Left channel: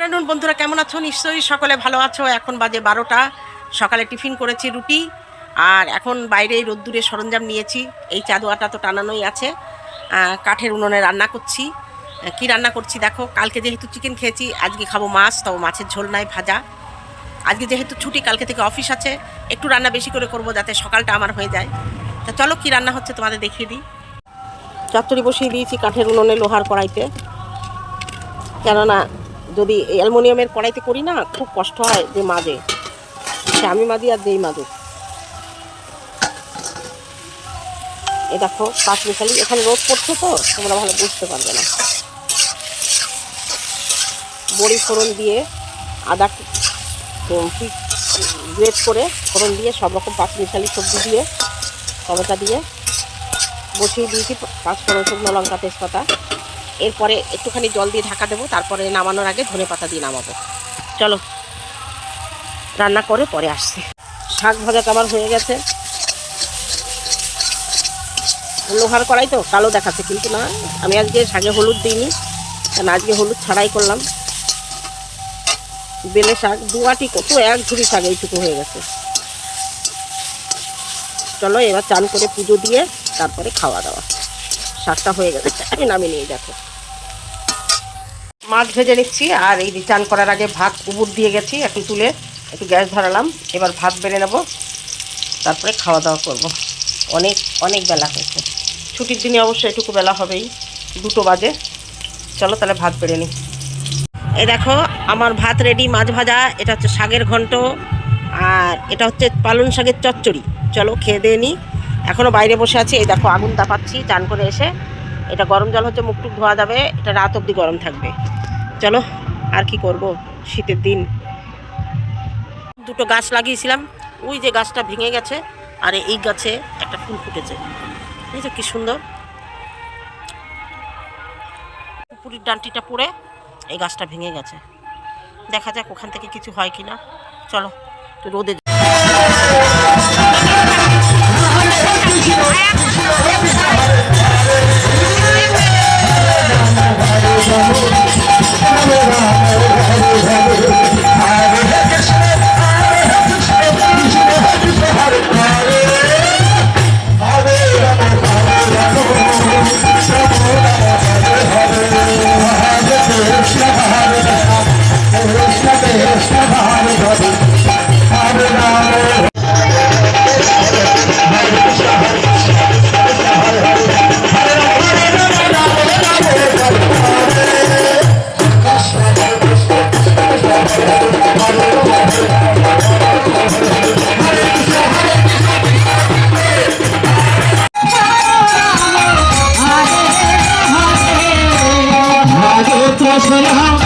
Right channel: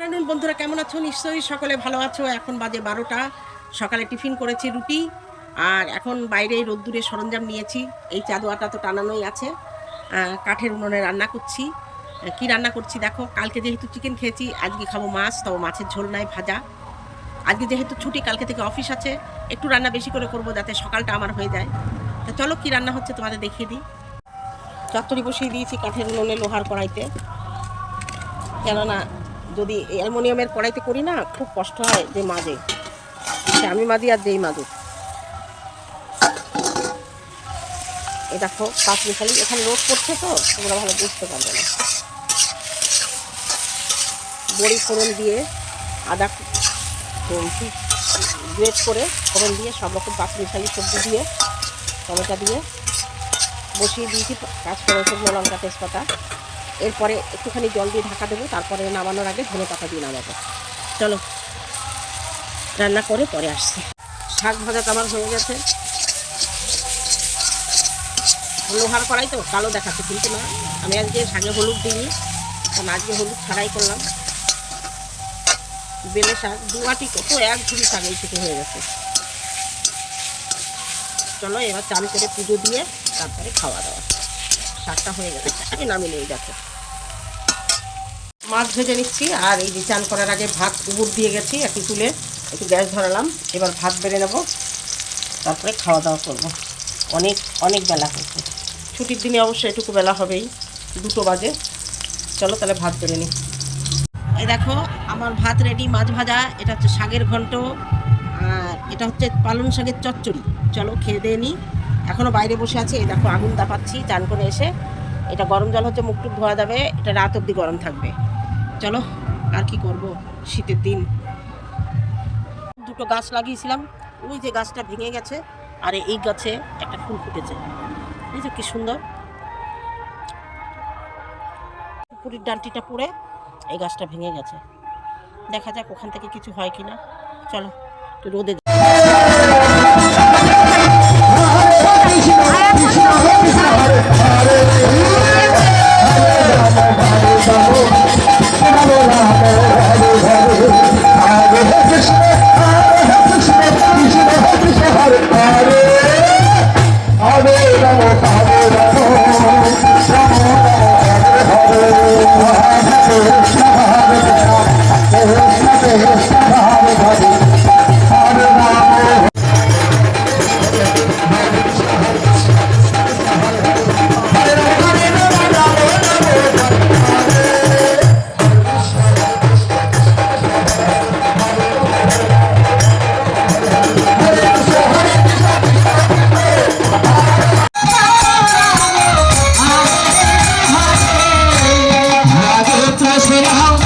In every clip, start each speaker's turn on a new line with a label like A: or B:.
A: Afternoon বন্ধুরা কেমন আছো? নিশ্চয়ই সকলে ভালো আছো। এখন বাজে বারোটা। সকালে টিফিন করেছি রুটি। আর এখন বাইরে রোদ্দুরে সরঞ্জাম নিয়েছি। এই চাদোয়াটা তো টানানোই আছে। কাঠের উনুনে রান্না করছি। কি রান্না করছি দেখো? কালকে যেহেতু চিকেন খেয়েছি, আজকে খাব মাছ, তবে মাছের ঝোল নাই, ভাজা। আজকে যেহেতু ছুটি, কালকে থেকে অফিস আছে, একটু রান্না বেশি করে করব যাতে সকালটা আমার হয়ে যায়। তা চলো, কি রান্না হচ্ছে তোমাদের দেখিয়ে দিই। চচ্চড়ি বসিয়ে দিয়েছি কাঠের উনুনে লোহার কড়াইতে। কেননা যদি অ্যালুমিনিয়ামের কড়াইতে করি না, খুব কষ্ট হয় যে মাজে। সে আমি মাজি আর যেই মাজুক। এ দেখো, পাঁচ মিশালি, এখানে রোদ পড়ছে তো, তোমরা ভালো বুঝতে পারবে না। বড়ি ফোড়ন দিয়ে আদা গ্রেট করে ফোড়ন দিয়ে সব রকম পাঁচ মিশালি সবজি দিয়ে, টমেটা দিয়ে বসিয়ে দিয়েছি পাঁচ ফোড়ন শুকনো লঙ্কা তেজপাতা। এরপরে একটুখানি জল দিয়ে ঢাকা দেবো, তারপরে নামানোর আগে ধনে পাতা দিয়ে নামাবো। চলো, রান্না করে পরে আসছি। শাক ভাজাটা আমার হয়ে গেছে। লোহার কড়াই তো, কালো দেখাচ্ছে, কিন্তু না, আমি আজকে শাকে হলুদ দিইনি, কারণ আজকে হলুদ ছাড়াই করলাম। বেলে শাক দুয়াটি কত, এক ঝুড়ি শাক এইটুকু হয়ে গেছে। চলো, এবার চান করে পুজো দিয়ে তারপরে খাওয়া দাওয়া। শাকটা হয়ে গেছে, আমি নামিয়ে নিয়ে দেখো। মাছ ভেজে নিচ্ছি, আর এই চান করার আগে ভাত উবুর দিয়ে গেছি, এখন তুলে একটু গ্যাস ধরালাম, এবার ভাত বেড়ে নেব, তারপরে খাওয়া দাওয়া করব। অনেক অনেক বেলা হয়েছে। ছুটির দিনে অবশ্যই এটুকু বেলা হবেই, দুটো বাজে। চলো তাহলে ভাত বেড়ে নিই। এই দেখো, আমার ভাত রেডি মাছ ভাজা, এটা হচ্ছে শাকের ঘন্ট, আর এটা হচ্ছে পালং শাকের চচ্চড়ি। চলো খেয়ে দিয়ে নিই। এখনও বাইরে বসে আছি, এই দেখো আগুন তাপাচ্ছি, চান করে এসে। এটা গরম জল হচ্ছে, মুখ টুক ধোয়া যাবে, এটা রাত অবধি গরম থাকবে। চলো, আর কি করব? শীতের দিন। দুটো গাছ লাগিয়েছিলাম। ওই যে গাছটা ভেঙে গেছে, আর এই গাছে একটা ফুল ফুটেছে। এই যে কী সুন্দর। পুরীর ডান্টিটা পড়ে এই গাছটা ভেঙে গেছে। দেখা যাক ওখান থেকে কিছু হয় কি না চলো রোদে Say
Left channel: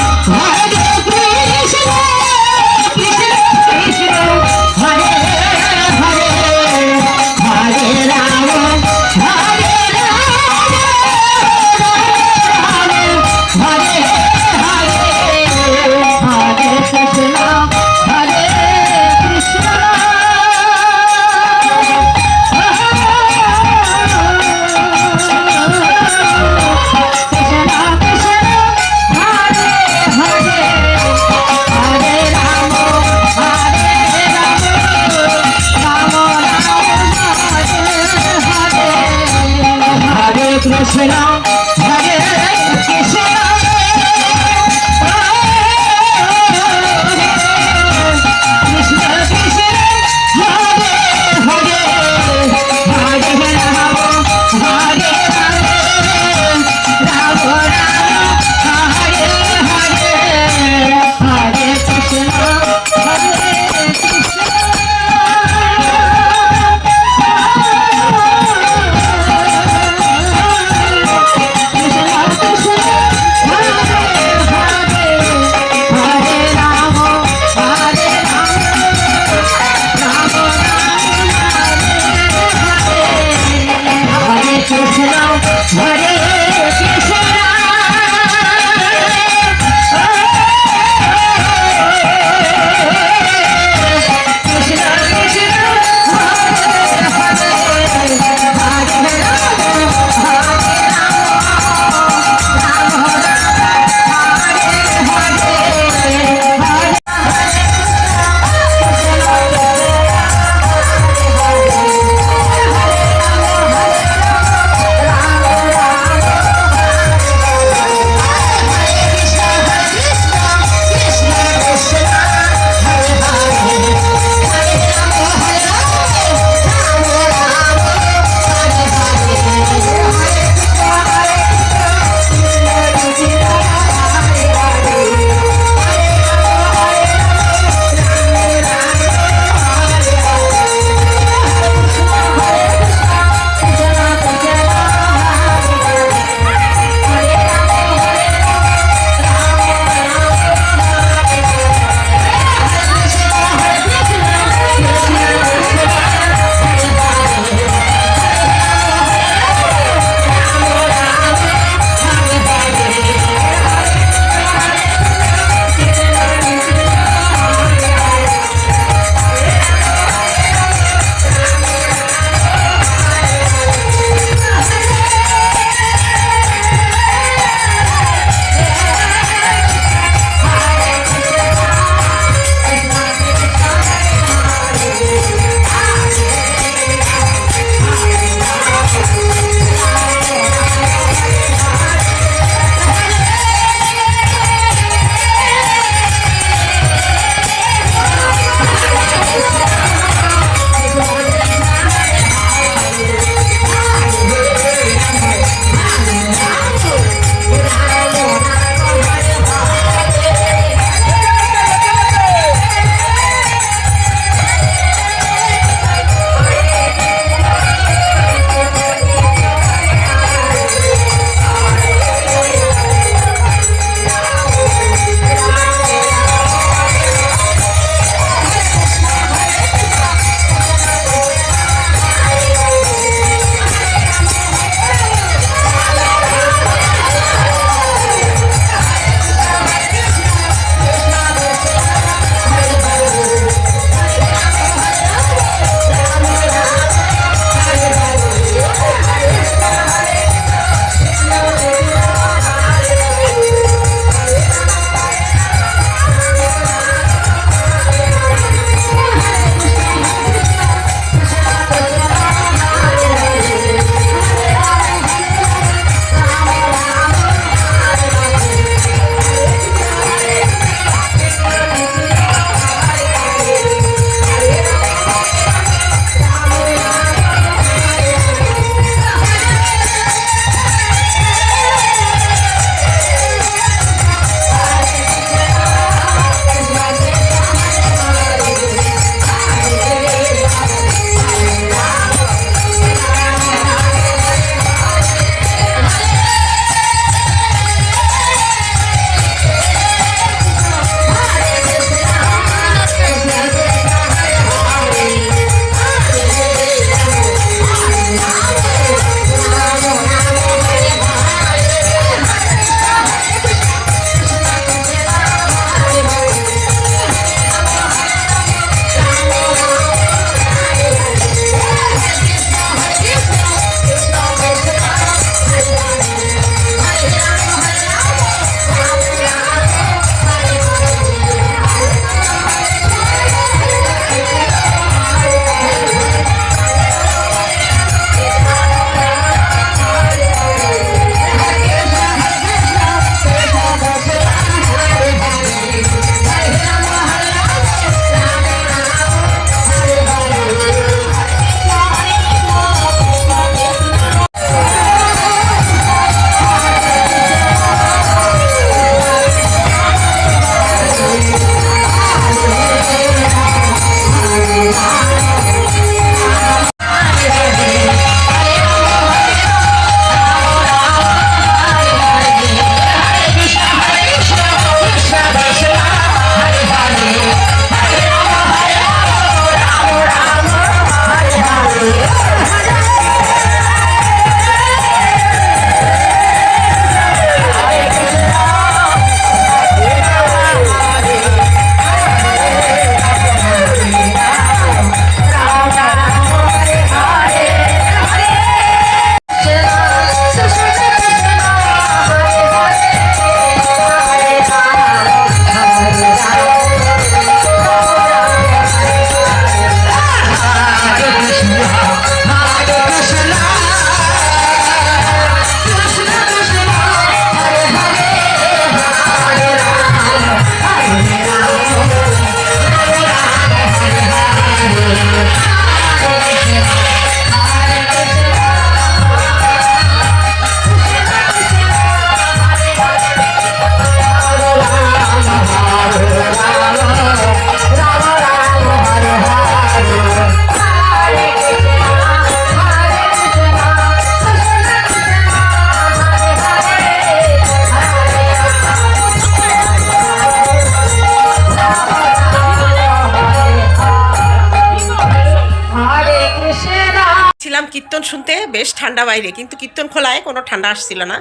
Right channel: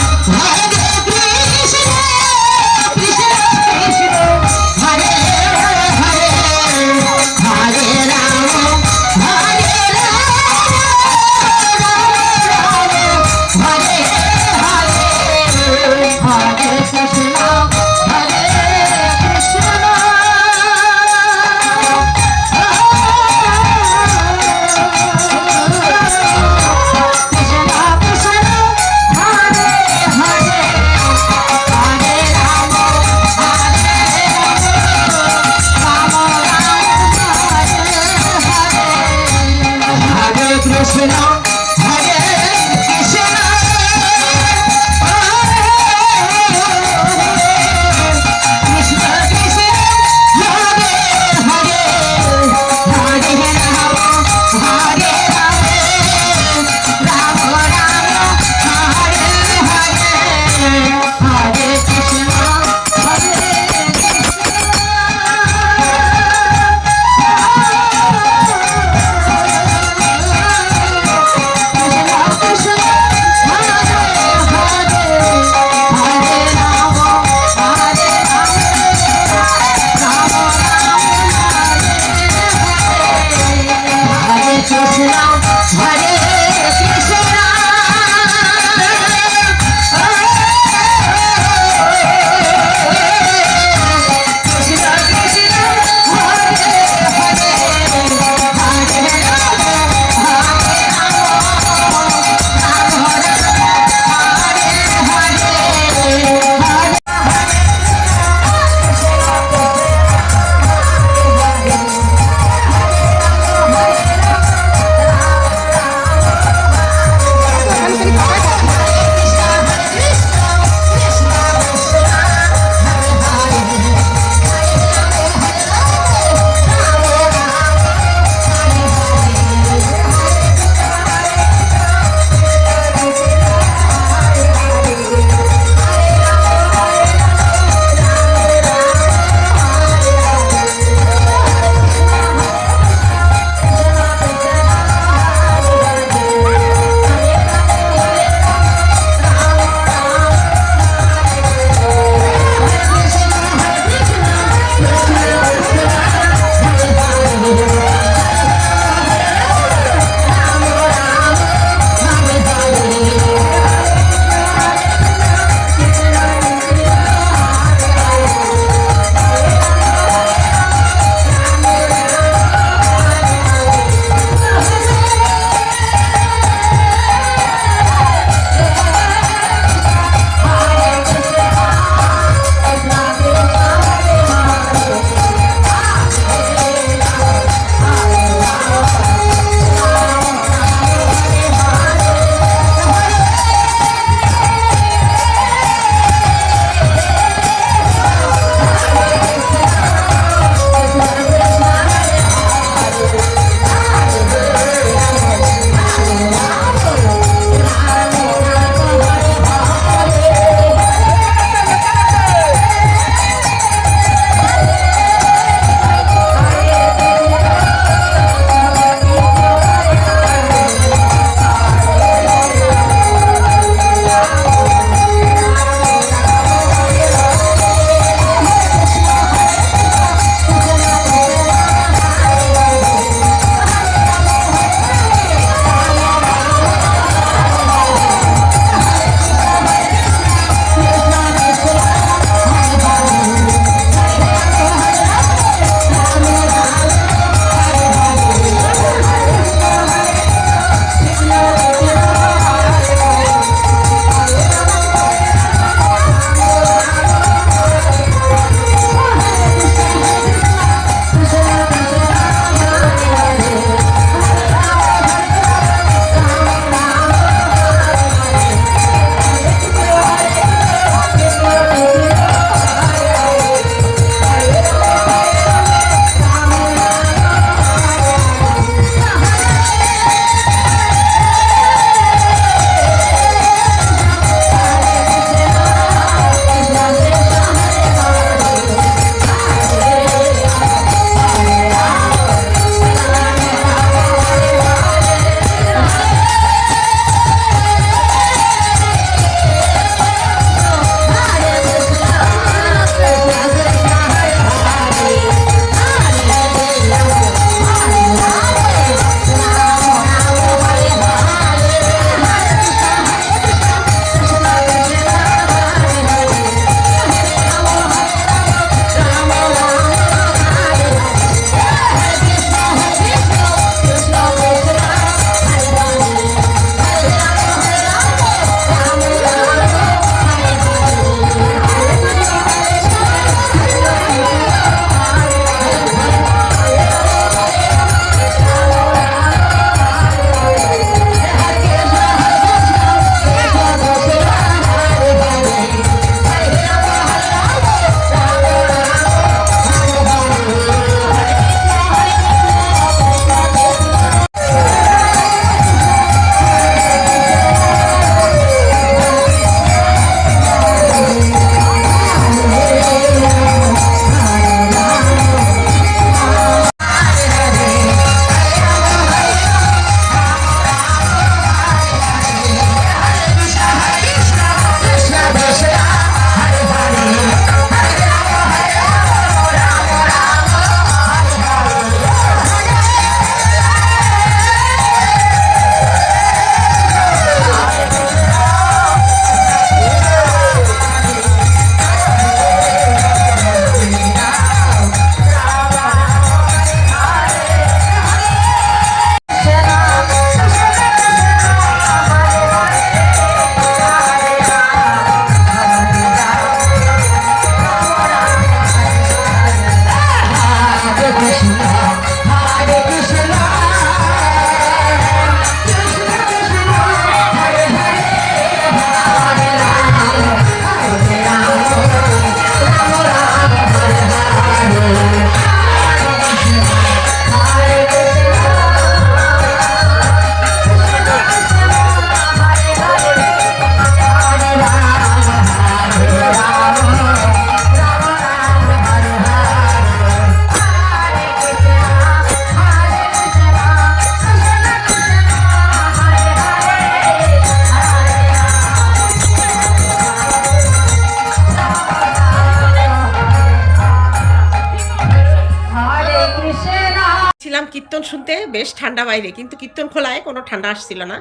A: কীর্তন শুনতে বেশ ঠান্ডা বাইরে, কিন্তু কীর্তন খোলায় কোনো ঠান্ডা আসছিল না।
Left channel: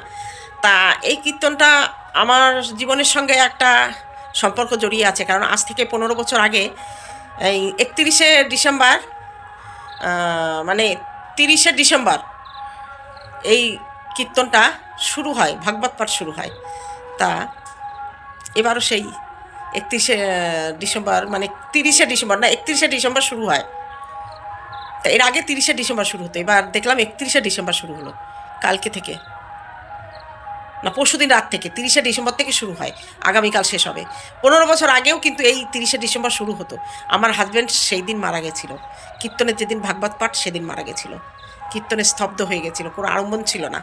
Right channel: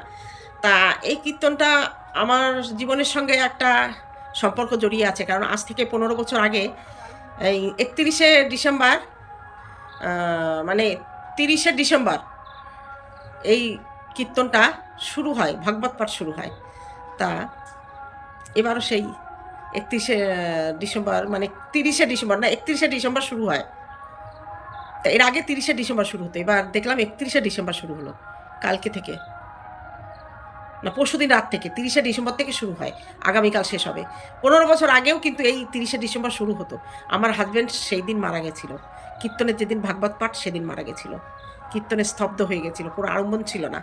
A: তা এই কীর্তনটা আমার জীবনের সঙ্গে একটা সম্পর্ক জড়িয়ে আছে, কারণ আজ থেকে পনেরো বছর আগে, এই একত্রিশে ডিসেম্বর মানে তিরিশে ডিসেম্বর এই কীর্তনটা শুরু হয়, ভাগবত পাঠ শুরু হয়। তা এবারও সেই একত্রিশে ডিসেম্বর মানে তিরিশে ডিসেম্বর না, একত্রিশে ডিসেম্বর শুরু হয়। এর আগে তিরিশে ডিসেম্বর শুরু হতো, এবার দেখলাম একত্রিশে ডিসেম্বর শুরু হলো, কালকে থেকে। না পরশুদিন রাত থেকে, তিরিশে ডিসেম্বর থেকে শুরু হয়, আগামীকাল শেষ হবে। পনেরো বছর আগেও কিন্তু এই তিরিশে ডিসেম্বর শুরু হতো। আমার হাজব্যান্ড সেই দিন মারা গেছিল। কীর্তনের যেদিন ভাগবত পাঠ, সেদিন মারা গেছিল। কীর্তনে স্তব্ধ হয়ে গেছিল, কোনো আড়ম্বন ছিল না।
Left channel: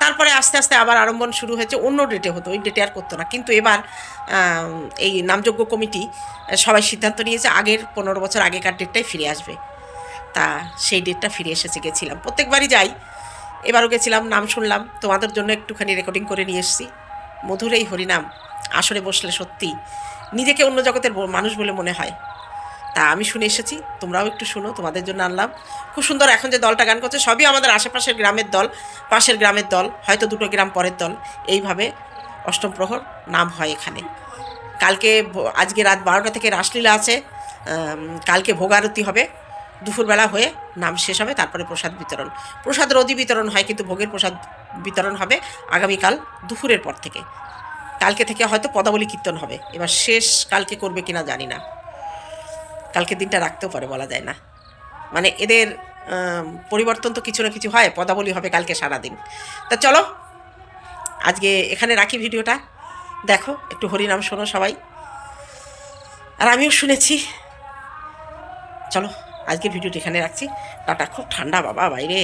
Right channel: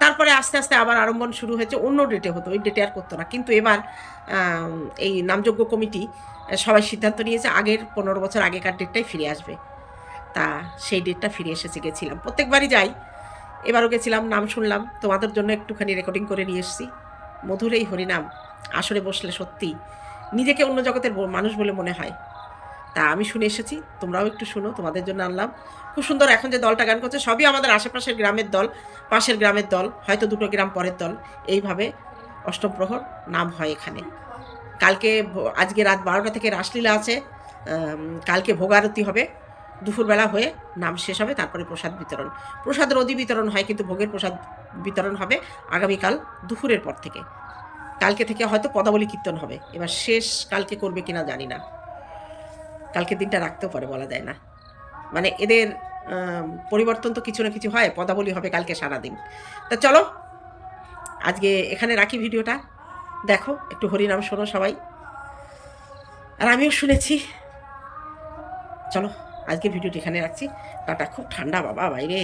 A: তারপরে আস্তে আস্তে আবার আড়ম্বন শুরু হয়েছে, অন্য ডেটে হতো, ওই ডেটে আর করতো না। কিন্তু এবার এই নামযোগ্য কমিটি সবাই সিদ্ধান্ত নিয়েছে, আগের পনেরো বছর আগেকার ডেটটাই ফিরে আসবে। তা সেই ডেটটা ফিরে এসেছে, গেছিলাম। প্রত্যেকবারই যাই। এবারও গেছিলাম, নাম শুনলাম। তোমাদের জন্য একটুখানি রেকর্ডিং করে নিয়ে এসেছি। মধুর এই হরিনাম, আসরে বসলে সত্যি নিজেকে অন্য জগতের মানুষ বলে মনে হয়। তা আমি শুনে এসেছি, তোমরাও একটু শুনো, তোমাদের জন্য আনলাম। খুব সুন্দর এখন যে দলটা গান করছে, সবই আমাদের আশেপাশের গ্রামের দল, পাশের গ্রামের দল, হয়তো দুটো গ্রাম পরের দল। এইভাবে অষ্টম প্রহর নাম হয় এখানে। কালকে আজকে রাত বারোটা থেকে রাসলীলা আছে। কালকে ভোগারতি হবে। দুপুরবেলা হয়ে নাম শেষ হবে, তারপরে প্রসাদ বিতরণ। প্রসাদ রোদি বিতরণ হয় কিন্তু ভোগের প্রসাদ বিতরণ হবে আগামীকাল দুপুরের পর থেকে। কালকে থেকে হয়তো পদাবলী কীর্তন হবে। এবার শেষ কালকে করবে কিনা জানি না। কালকে দিনটা রাখতেও পারে বলা যায় না। মানে এদের পরিবর্তন তো কিছু না কিছু হয়, পদাবলী হবে কালকে সারাদিন। তা চলো, আজকে এখানে রাখি ভিডিওটা। দেখো, একটু হরিনাম শোনো সবাই। আর আমিও শুনেছি। চলো। আজকে ভিডিওটি এখানে রাখছি। তাটা খুব ঠান্ডা বাবা বাইরে।